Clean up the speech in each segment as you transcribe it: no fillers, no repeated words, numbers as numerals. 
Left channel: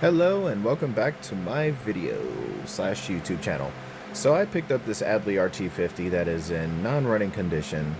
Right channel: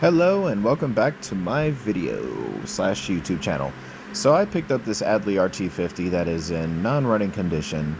Hello and welcome back to my video slash YouTube channel. So I picked up this Adly rt50 that is in non-running condition,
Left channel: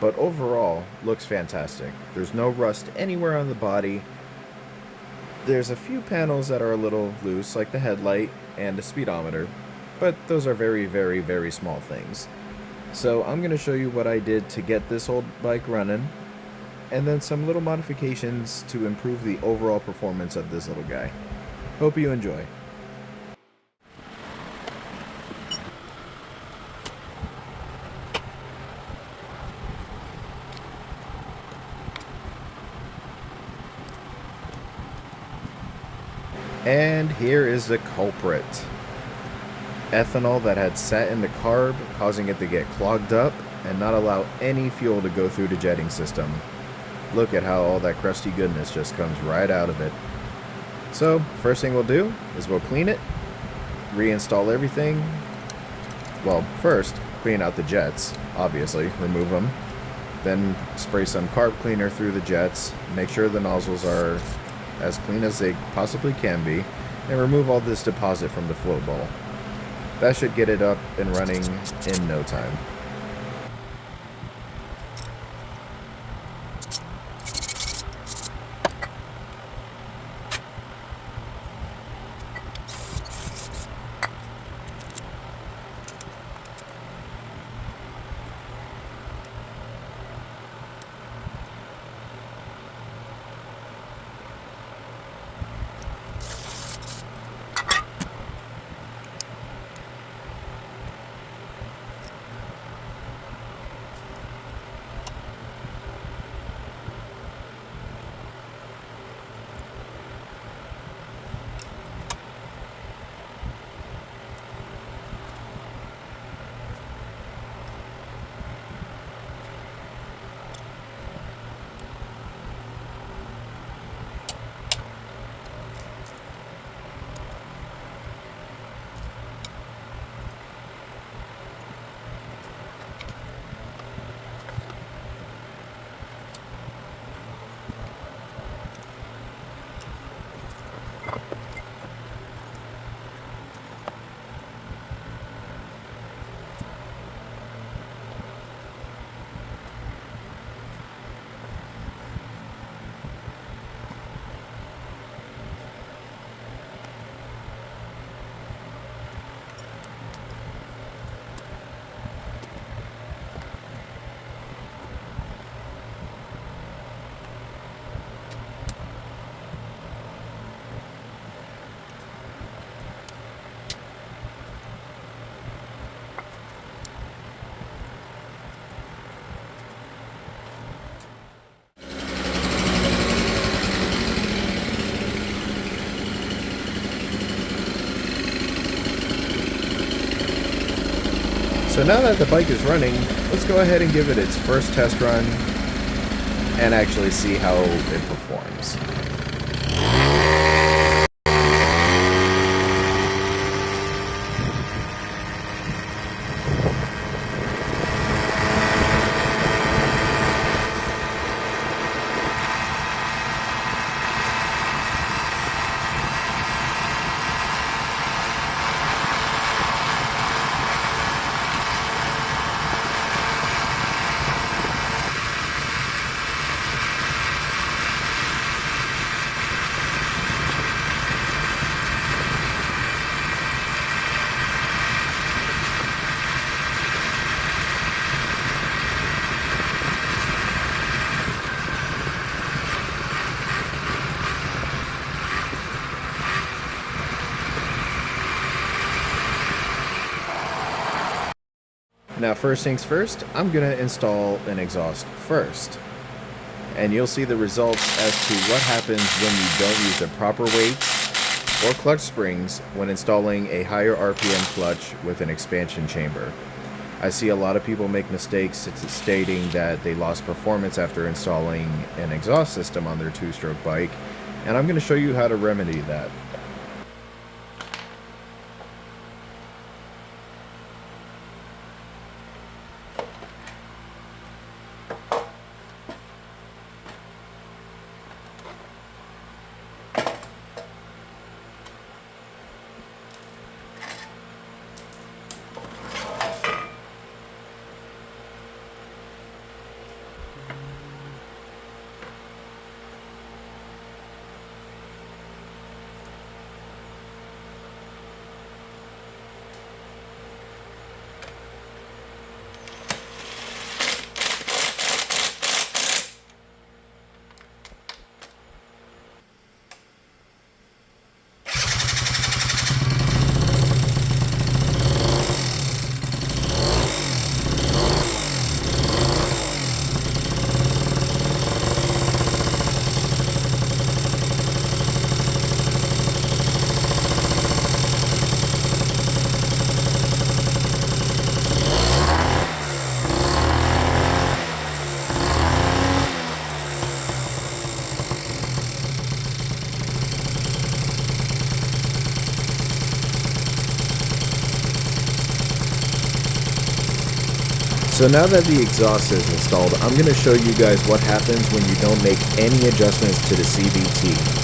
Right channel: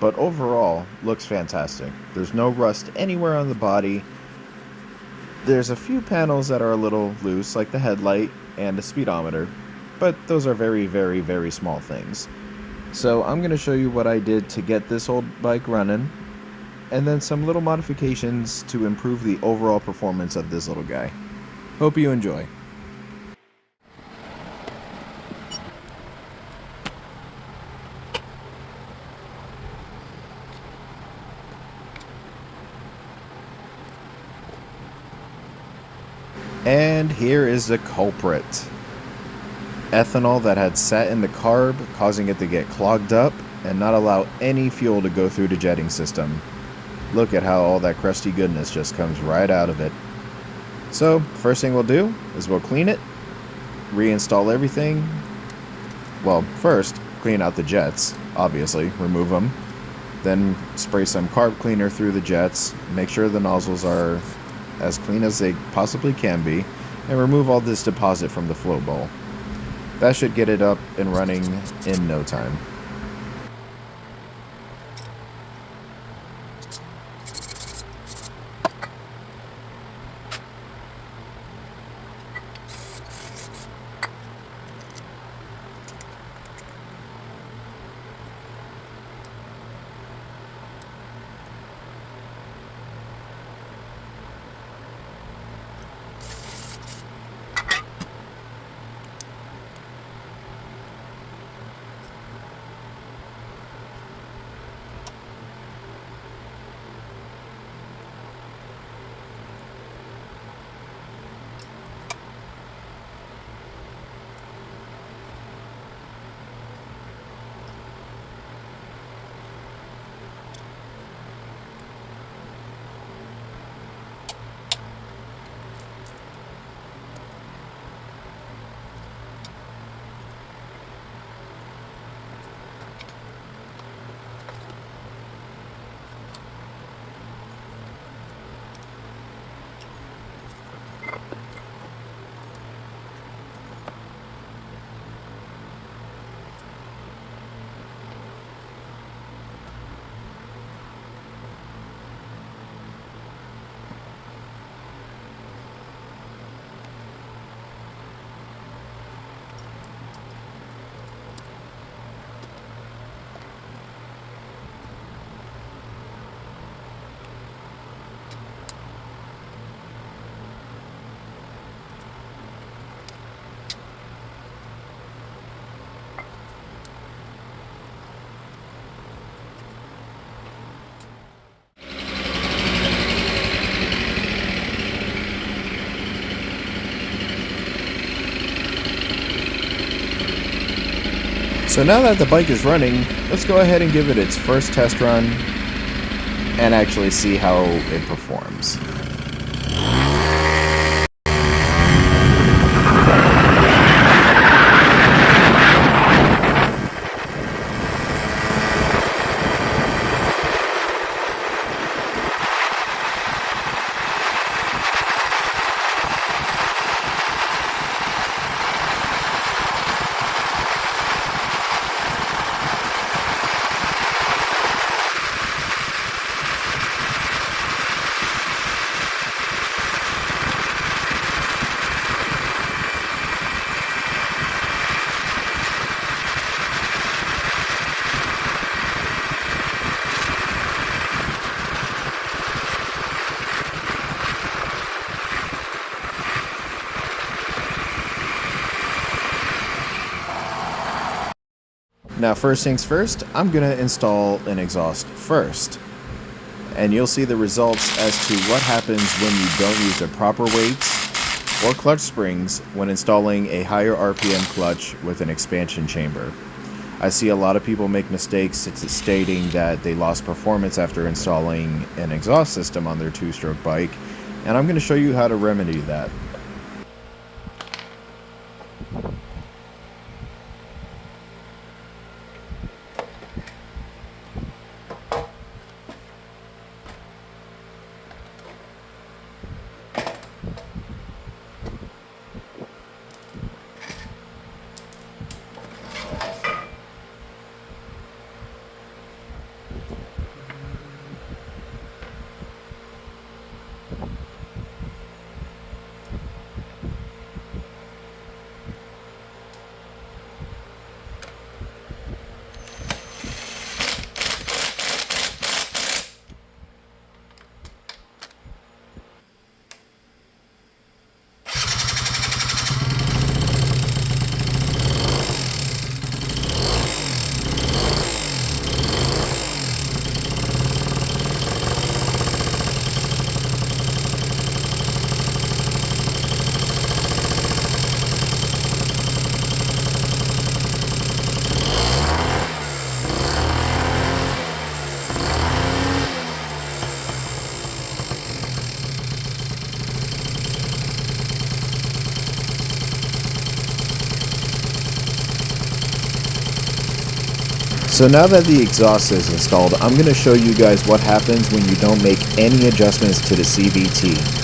but overall looks fantastic. There's no rust anywhere on the body. There's a few panels that are a little loose, like the headlight and the speedometer, but those are very small things. So I'm going to show you what I did to get this old bike running, and then some little modifications to improve the overall performance of this little guy. Hope you enjoy. And here is the culprit. Ethanol that had sat in the carb, causing it to get clogged up and not allow any fuel to go through the jetting system. Look at how all that crusty goodness just comes right out of it. So, first thing we'll do is we'll clean it, reinstall everything. Well, first, clean out the jets, obviously, remove them. Then spray some carb cleaner through the jets, make sure the nozzles are as clean as they possibly can be, and remove all this deposit from the float bowl. That should get it up and running in no time. So now that the bike is running, let's go ahead and give it its first test run and actually see how it performs. Now, first things first, I'm going to install an exhaust first. And you'll see the results as to what happens when you don't use the proper weights or clutch springs when installing a higher RPM clutch with an expansion chamber. I see a lot of people make mistakes stating that they lost performance after installing an exhaust system on their two-stroke bike, and I'm going to show you how to remedy that. So now that the exhaust is installed, I'm going to show you guys what happens when you don't make any adjustments to the CVT.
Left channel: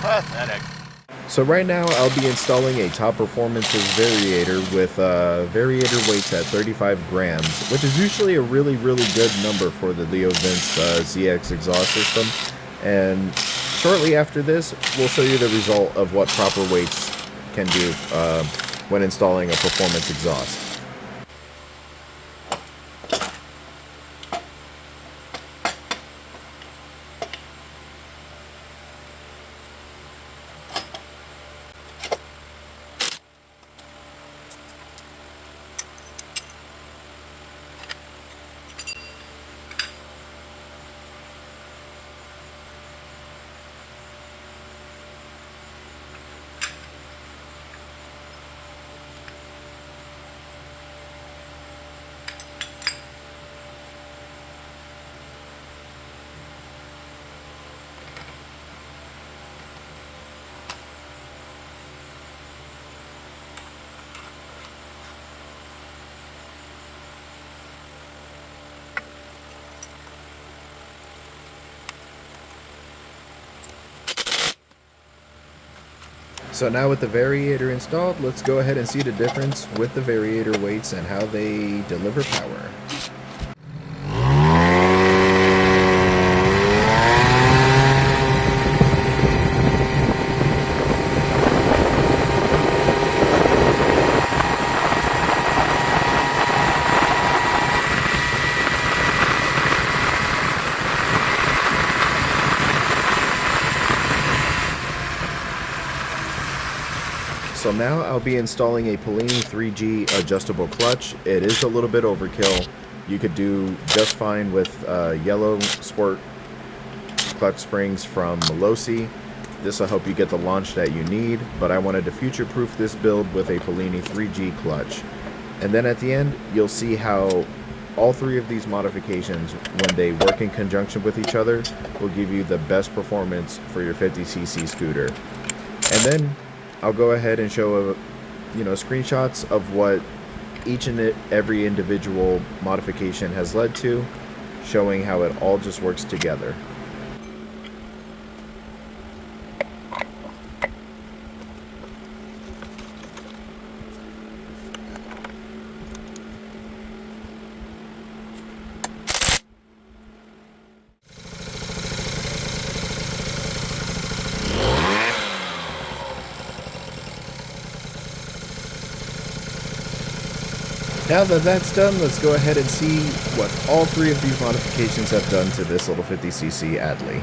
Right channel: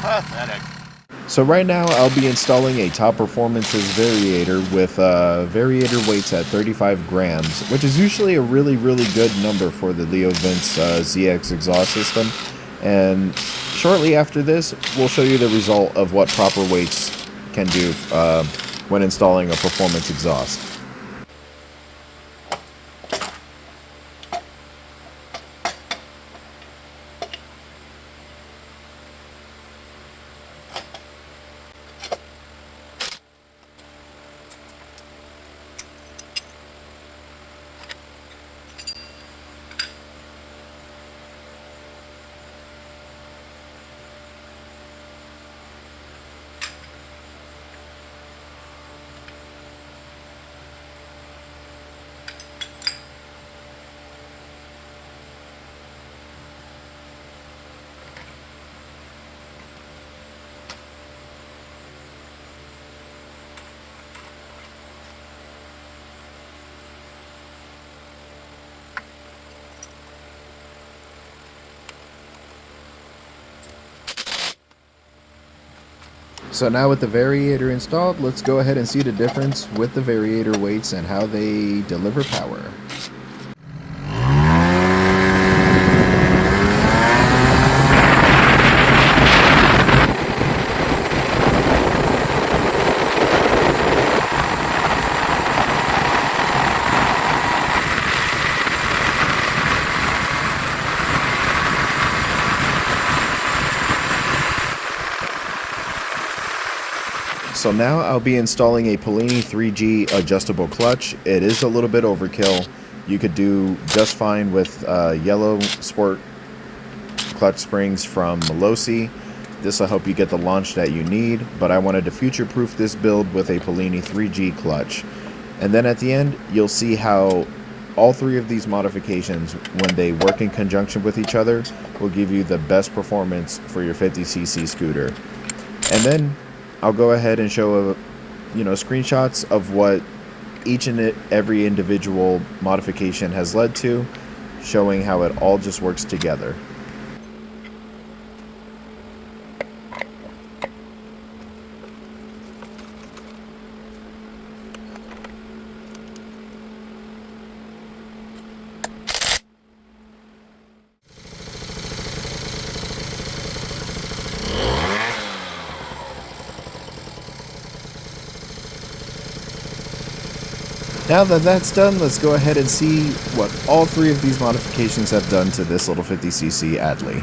Pathetic. So right now I'll be installing a top performances variator with variator weights at 35 grams, which is usually a really good number for the Leo Vince ZX exhaust system. And shortly after this, we'll show you the result of what proper weights can do when installing a performance exhaust. So now with the variator installed, let's go ahead and see the difference with the variator weights and how they deliver power. So now I'll be installing a Polini 3G adjustable clutch. It is a little bit overkill. You could do just fine with yellow sport clutch springs from Melosi. This will help you get the launch that you need, but I wanted to future-proof this build with a Polini 3G clutch. And then at the end, you'll see how all three of these modifications, when they work in conjunction with each other, will give you the best performance for your 50cc scooter. And then I'll go ahead and show screenshots of what each and every individual modification has led to, showing how it all just works together. Now that that's done, let's go ahead and see what all three of these modifications have done to this little 50cc Adly.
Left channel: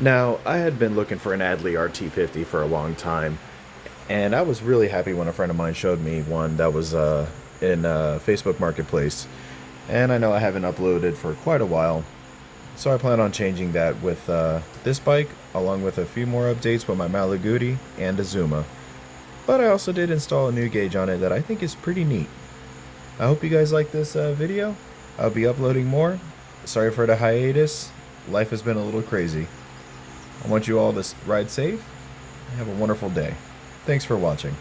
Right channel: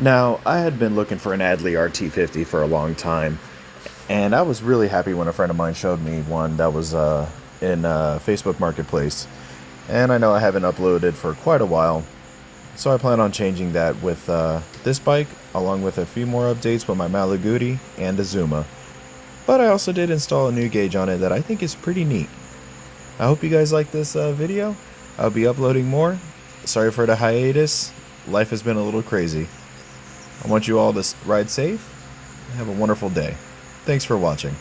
Now, I had been looking for an Adly rt50 for a long time, and I was really happy when a friend of mine showed me one that was in Facebook Marketplace. And I know I haven't uploaded for quite a while, so I plan on changing that with this bike, along with a few more updates with my Malaguti and Azuma. But I also did install a new gauge on it that I think is pretty neat. I hope you guys like this video. I'll be uploading more. Sorry for the hiatus. Life has been a little crazy. I want you all to ride safe and have a wonderful day. Thanks for watching.